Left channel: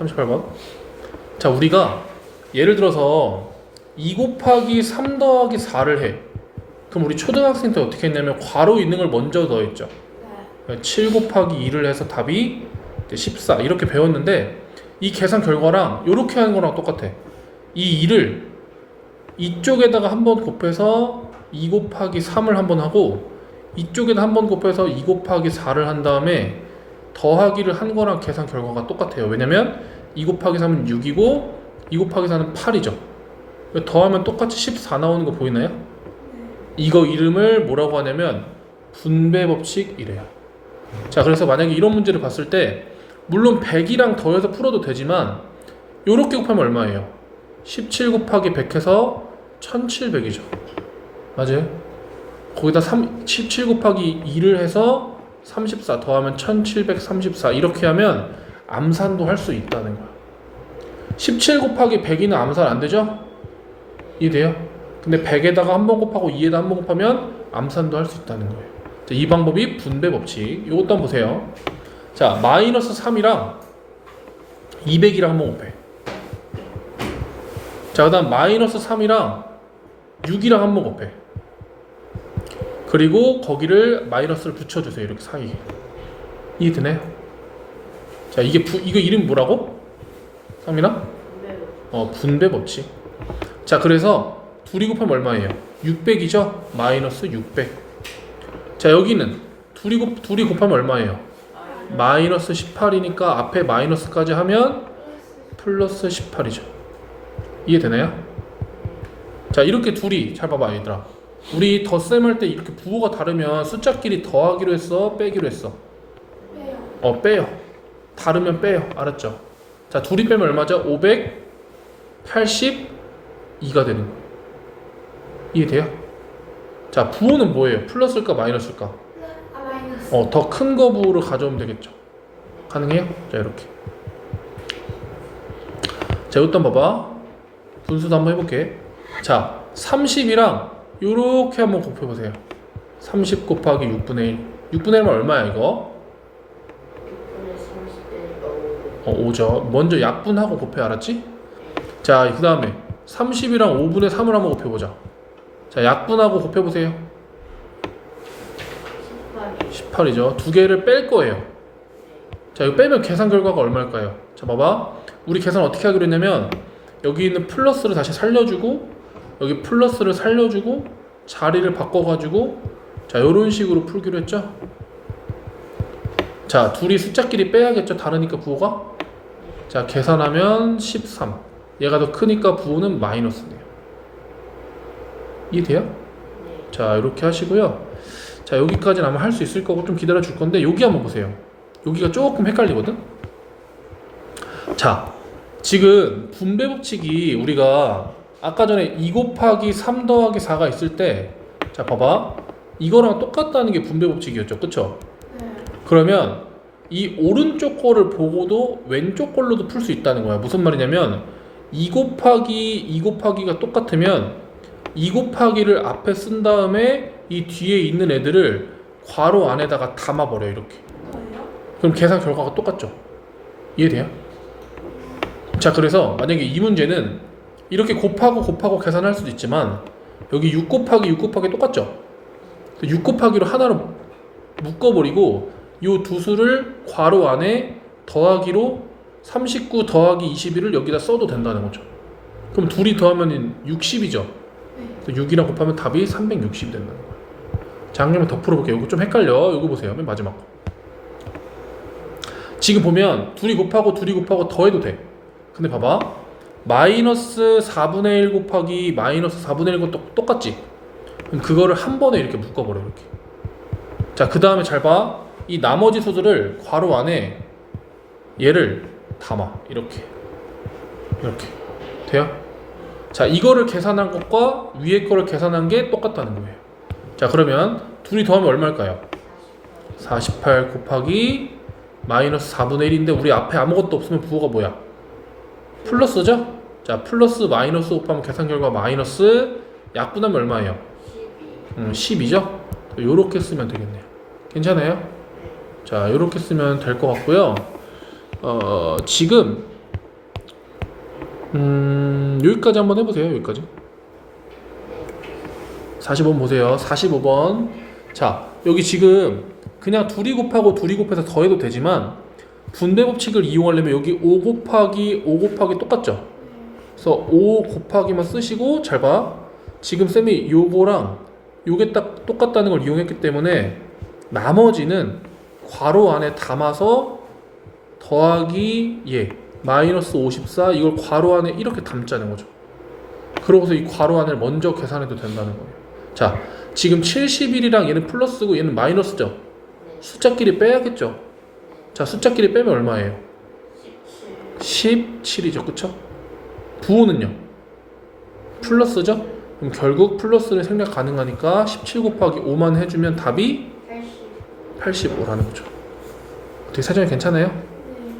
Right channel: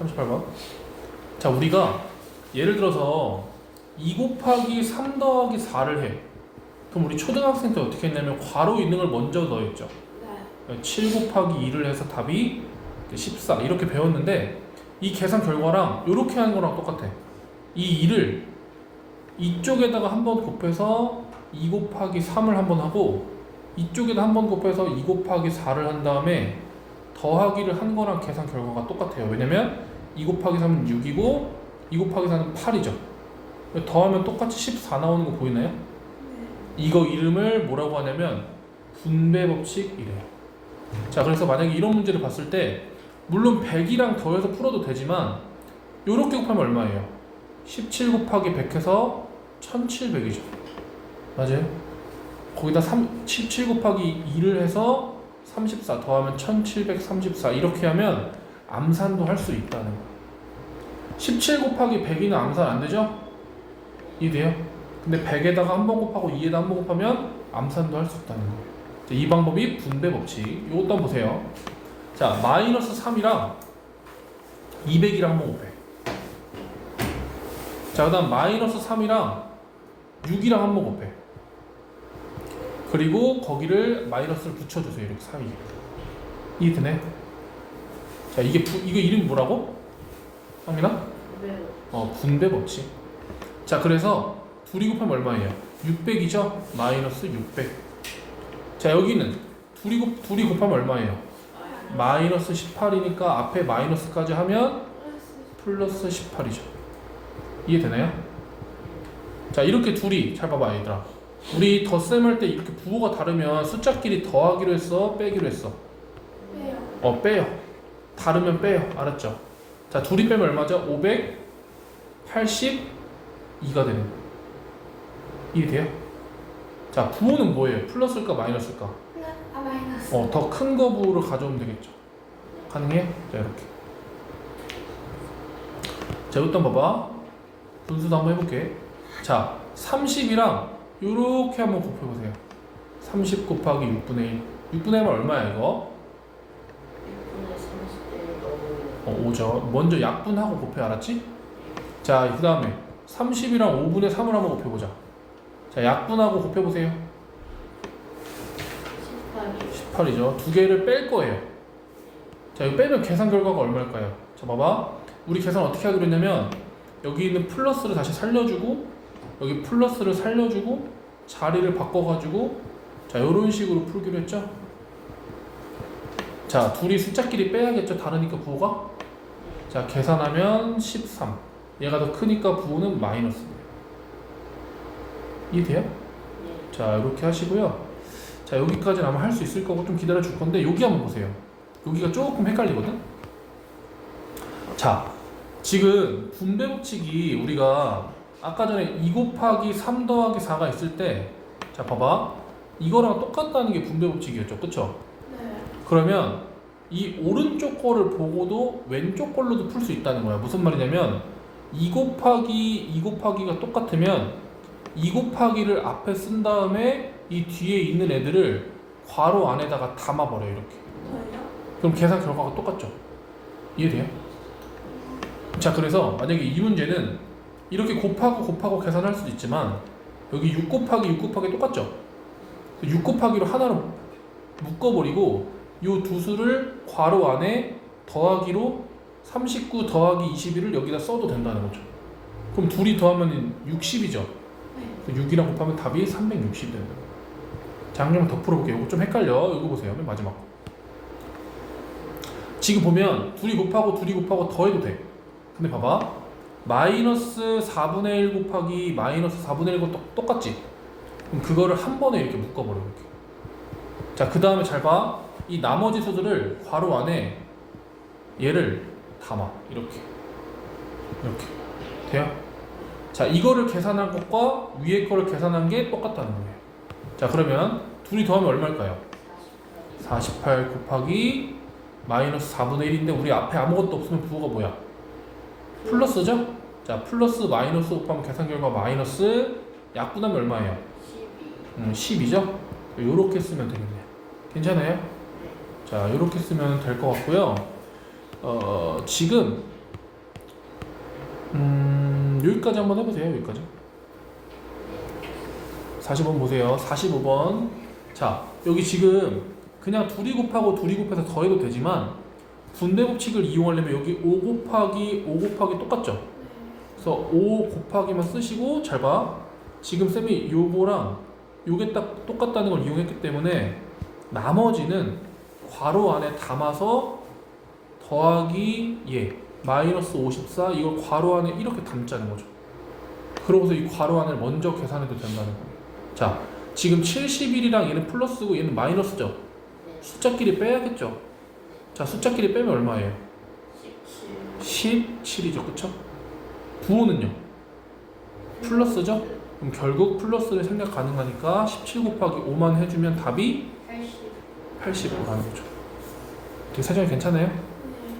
38번. 자, 우리가 예를 들어서 2 곱하기 3 더하기 4를 해. 그럼 우리 초등학생 때 어떻게 했냐면 괄호 있는 걸 먼저. 네. 7 곱하기 2를 해서 답이 이제 14 이렇게 배웠는데 이 계산 결과랑 이렇게 하는 거랑 똑같아. 이 2를 이쪽에다가 한 번 곱해서 2 곱하기 3을 한 번 하고 이쪽에다 한 번 곱해서 2 곱하기 4를 한 다음에 더하기를 한 거랑 계산 결과가 똑같아요. 왜냐면 2 곱하기 3은 6이고 2 곱하기 4는 8이죠. 더하면 똑같이 14 나오는 거 보이나요? 이거 이름을 뭐라고 하냐면 분배 법칙이래요. 자, 그래서 만약에 이런 문제를 봤을 때 물론 100이랑 더해서 풀어도 되지만 요렇게 곱하면 얼마예요? 17 곱하기 100 해서 1700이죠. 맞아요? 거기다 3, 17 곱하기 2를 해서 34 더하면 1734 이렇게 하면 암산도 할 수 있다는 거야. 17 곱하기 100이는 암산 안 되죠? 이해돼요? 근데 100에다가 한 번 곱하고 2에다 한 번 곱하면 암산도 할 수 있다는 거예요. 자, 이 방법이 분배 법칙. 이것도 한번 보세요. 자, 마이너스 3이랑 200이랑 한 번 곱해. 자, 그 다음 마이너스 3이랑 6이랑 한 번 곱해. 그리고 거기를 마이너스를 붙여주세요. 이렇게 사이에. 이해되네? 자, 이게 부, 이거 이름이 뭐라고? 상민아? 네. 어, 분배 법칙. 자, 그래서 둘이 곱하면 얼마예요? 600이죠? 마이너스 600. 자, 여기는 둘이 곱 둘이 곱하면 얼마예요? 마이너스 18이니까 앞에 마이너스까지 하면 플러스 18이죠. 이해되나요? 자, 이렇게 둘이 잘 봐봐, 얘들아. 우리 덧셈 할 때 이렇게 부호가 다르면 숫자끼리 더하기로 했어, 빼기로 했어. 어, 빼요. 다르면 빼요. 알았죠? 자, 둘이 빼면 얼마죠? 582가 되는 거예요. 이해돼요? 자, 부호는 뭐예요? 플러스일까 마이너스일까? 아 마이너스. 어, 더 큰 거 부호를 가져오면 되겠죠. 가능해요? 자, 이렇게. 자, 한번 봐봐. 분수도 한번 해볼게. 자, 30이랑 요렇게 한번 곱해보세요. 30 곱하기 6분의 1. 6분의 1은 얼마야, 이거? 6분의 30대니까 5. 어, 5죠. 먼저 약분하고 곱해, 알았지? 자, 그 다음에 30이랑 5분의 3을 한번 곱해보자. 자, 약분하고 곱해보세요. 18이. 18이죠. 두 개를 뺄 거예요. 자, 이거 빼면 계산 결과가 얼마일까요? 자, 봐봐. 우리 계산 어떻게 하기로 했냐면 여기 있는 플러스를 다시 살려주고 여기 플러스를 살려주고 자리를 바꿔가지고 자, 이런 식으로 풀기로 했죠. 자, 둘이 숫자끼리 빼야겠죠. 다르니까 부호가. 자, 계산하면 13. 얘가 더 크니까 부호는 마이너스네요. 이해돼요? 네. 자, 이렇게 하시고요. 자 여기까지는 아마 할 수 있을 거고 좀 기다려 줄 건데 여기 한번 보세요. 여기가 조금 헷갈리거든. 자 지금 분배 법칙이 우리가 아까 전에 2 곱하기 3 더하기 4가 있을 때 자 봐봐 이거랑 똑같다는 게 분배 법칙이었죠, 그쵸? 네. 그러면 이 오른쪽 거를 보고도 왼쪽 걸로도 풀 수 있다는 거야. 무슨 말이냐면 2 곱하기 2 곱하기가 똑같으면 2 곱하기를 앞에 쓴 다음에 이 뒤에 있는 애들을 괄호 안에다가 담아 버려 이렇게. 그럼 계산 결과가 똑같죠. 이해돼요? 자, 그래서 만약에 이 문제는 이렇게 곱하고 곱하고 계산할 수도 있지만 여기 6 곱하기 6 곱하기 똑같죠. 6 곱하기로 하나로 묶어버리고 이 두 수를 괄호 안에 더하기로 39 더하기 21을 여기다 써도 된다는 거죠. 그럼 둘이 더하면 60이죠. 6이랑 곱하면 답이 360이 된다. 자, 한 개만 더 풀어볼게요. 이거 좀 헷갈려. 이거 보세요. 맨 마지막 거. 지금 보면 둘이 곱하고 둘이 곱하고 더해도 돼. 근데 봐봐. 마이너스 4분의 1 곱하기 마이너스 4분의 1과 똑, 똑같지? 그럼 그거를 한 번에 이렇게 묶어버려 이렇게. 자, 그 다음에 잘 봐. 이 나머지 수들을 괄호 안에 얘를 담아 이렇게 이렇게 돼요? 자, 이거를 계산한 것과 위에 거를 계산한 게 똑같다는 거예요. 자, 그러면 둘이 더하면 얼마일까요? 48 곱하기 마이너스 4분의 1인데 우리 앞에 아무것도 없으면 부호가 뭐야? 플러스죠? 자, 플러스 마이너스 곱하면 계산 결과 마이너스 약분하면 얼마예요? 12. 음, 12죠? 요렇게 쓰면 되겠네요. 괜찮아요? 자, 요렇게 쓰면 될 것 같고요. 어, 지금 음, 여기까지 한번 해보세요. 여기까지. 45번 보세요. 45번. 자, 여기 지금 그냥 둘이 곱하고 둘이 곱해서 더해도 되지만 분배 법칙을 이용하려면 여기 5 곱하기 5 곱하기 똑같죠? 그래서 5 곱하기만 쓰시고 잘 봐. 지금 쌤이 요거랑 요게 딱 똑같다는 걸 이용했기 때문에 나머지는 괄호 안에 담아서 더하기 예 마이너스 54 이걸 괄호 안에 이렇게 담자는 거죠. 그러고서 이 괄호 안을 먼저 계산해도 된다는 거예요. 자, 지금 71이랑 얘는 플러스고 얘는 마이너스죠. 숫자끼리 빼야겠죠. 자, 숫자끼리 빼면 얼마예요? 17 17이죠. 그쵸? 부호는요? 플러스죠? 그럼 결국 플러스를 생략 가능하니까 17 곱하기 5만 해주면 답이 80 85라는 거죠. 되게 사정이 괜찮아요?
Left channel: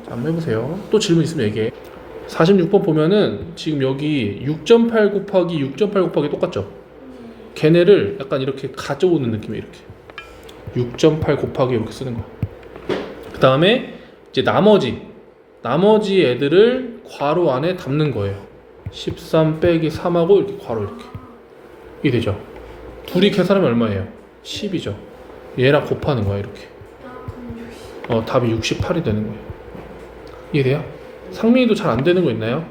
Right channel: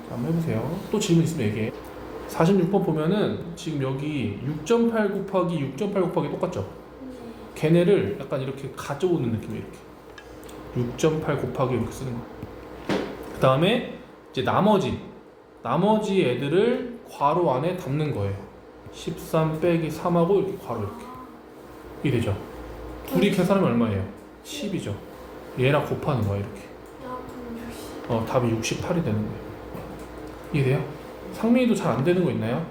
자, 한번 해보세요. 또 질문 있으면 얘기해. 46번 보면은 지금 여기 6.8 곱하기 6.8 곱하기 똑같죠? 걔네를 약간 이렇게 가져오는 느낌이에요. 이렇게 6.8 곱하기 이렇게 쓰는 거야. 그 다음에 이제 나머지 나머지 애들을 괄호 안에 담는 거예요. 13 빼기 3하고 이렇게 괄호 이렇게 이게 되죠. 둘이 계산하면 얼마예요? 10이죠. 얘랑 곱하는 거야 이렇게. 나60 어 답이 68이 되는 거예요. 이해돼요? 상민이도 잘 안 되는 거 있나요?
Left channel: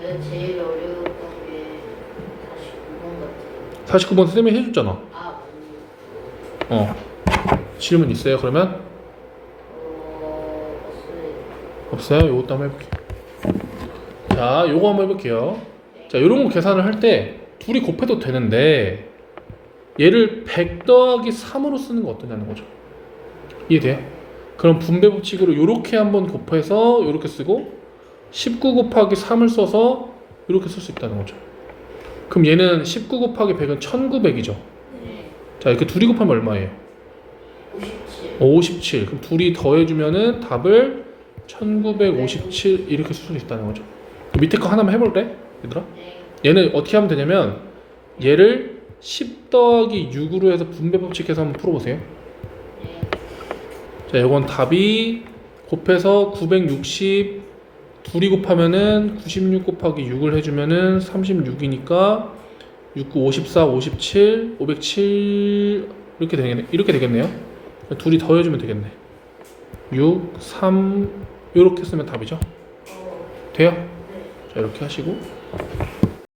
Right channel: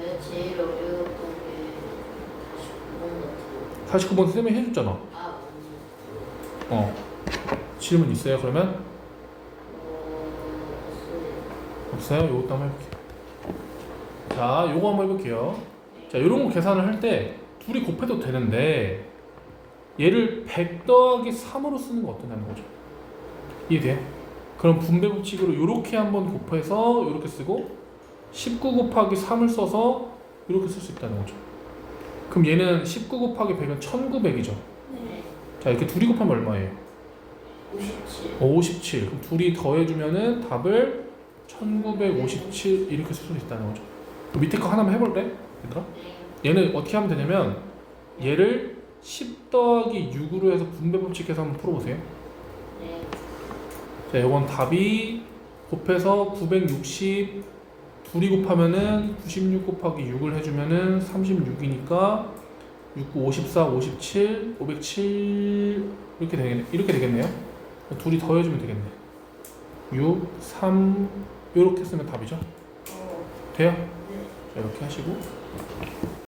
저의 제일 어려웠던 게 49번 같아요. 49번 쌤이 해줬잖아. 아, 맞네. 어 질문 있어요? 그러면 어, 없습니다. 없어요? 요것도 한번 해볼게요. 자, 요거 한번 해볼게요. 자, 요런 거 계산을 할 때 둘이 곱해도 되는데 얘를 100 더하기 3으로 쓰는 거 어떠냐는 거죠. 이해돼? 그럼 분배 법칙으로 요렇게 한번 곱해서 요렇게 쓰고 19 곱하기 3을 써서 이렇게 쓸 수 있다는 거죠. 그럼 얘는 19 곱하기 100은 1900이죠. 네. 자, 이렇게 둘이 곱하면 얼마예요? 57. 57. 그럼 둘이 더해주면은 답을 1957 이렇게 쓸 수 있다는 거죠. 밑에 거 하나만 해볼래? 얘들아? 네. 얘는 어떻게 하면 되냐면 얘를 10 더하기 6으로 해서 분배 법칙해서 한번 풀어보세요. 네. 자, 이건 답이 곱해서 960 둘이 곱하면은 96 곱하기 6을 해주면은 36이니까 69, 54, 57, 507 이렇게 되겠네. 이렇게 되겠네요. 둘이 더해주면 되겠네. 6, 3 이렇게 쓰면 답이죠. 어, 돼요? 이렇게 하시고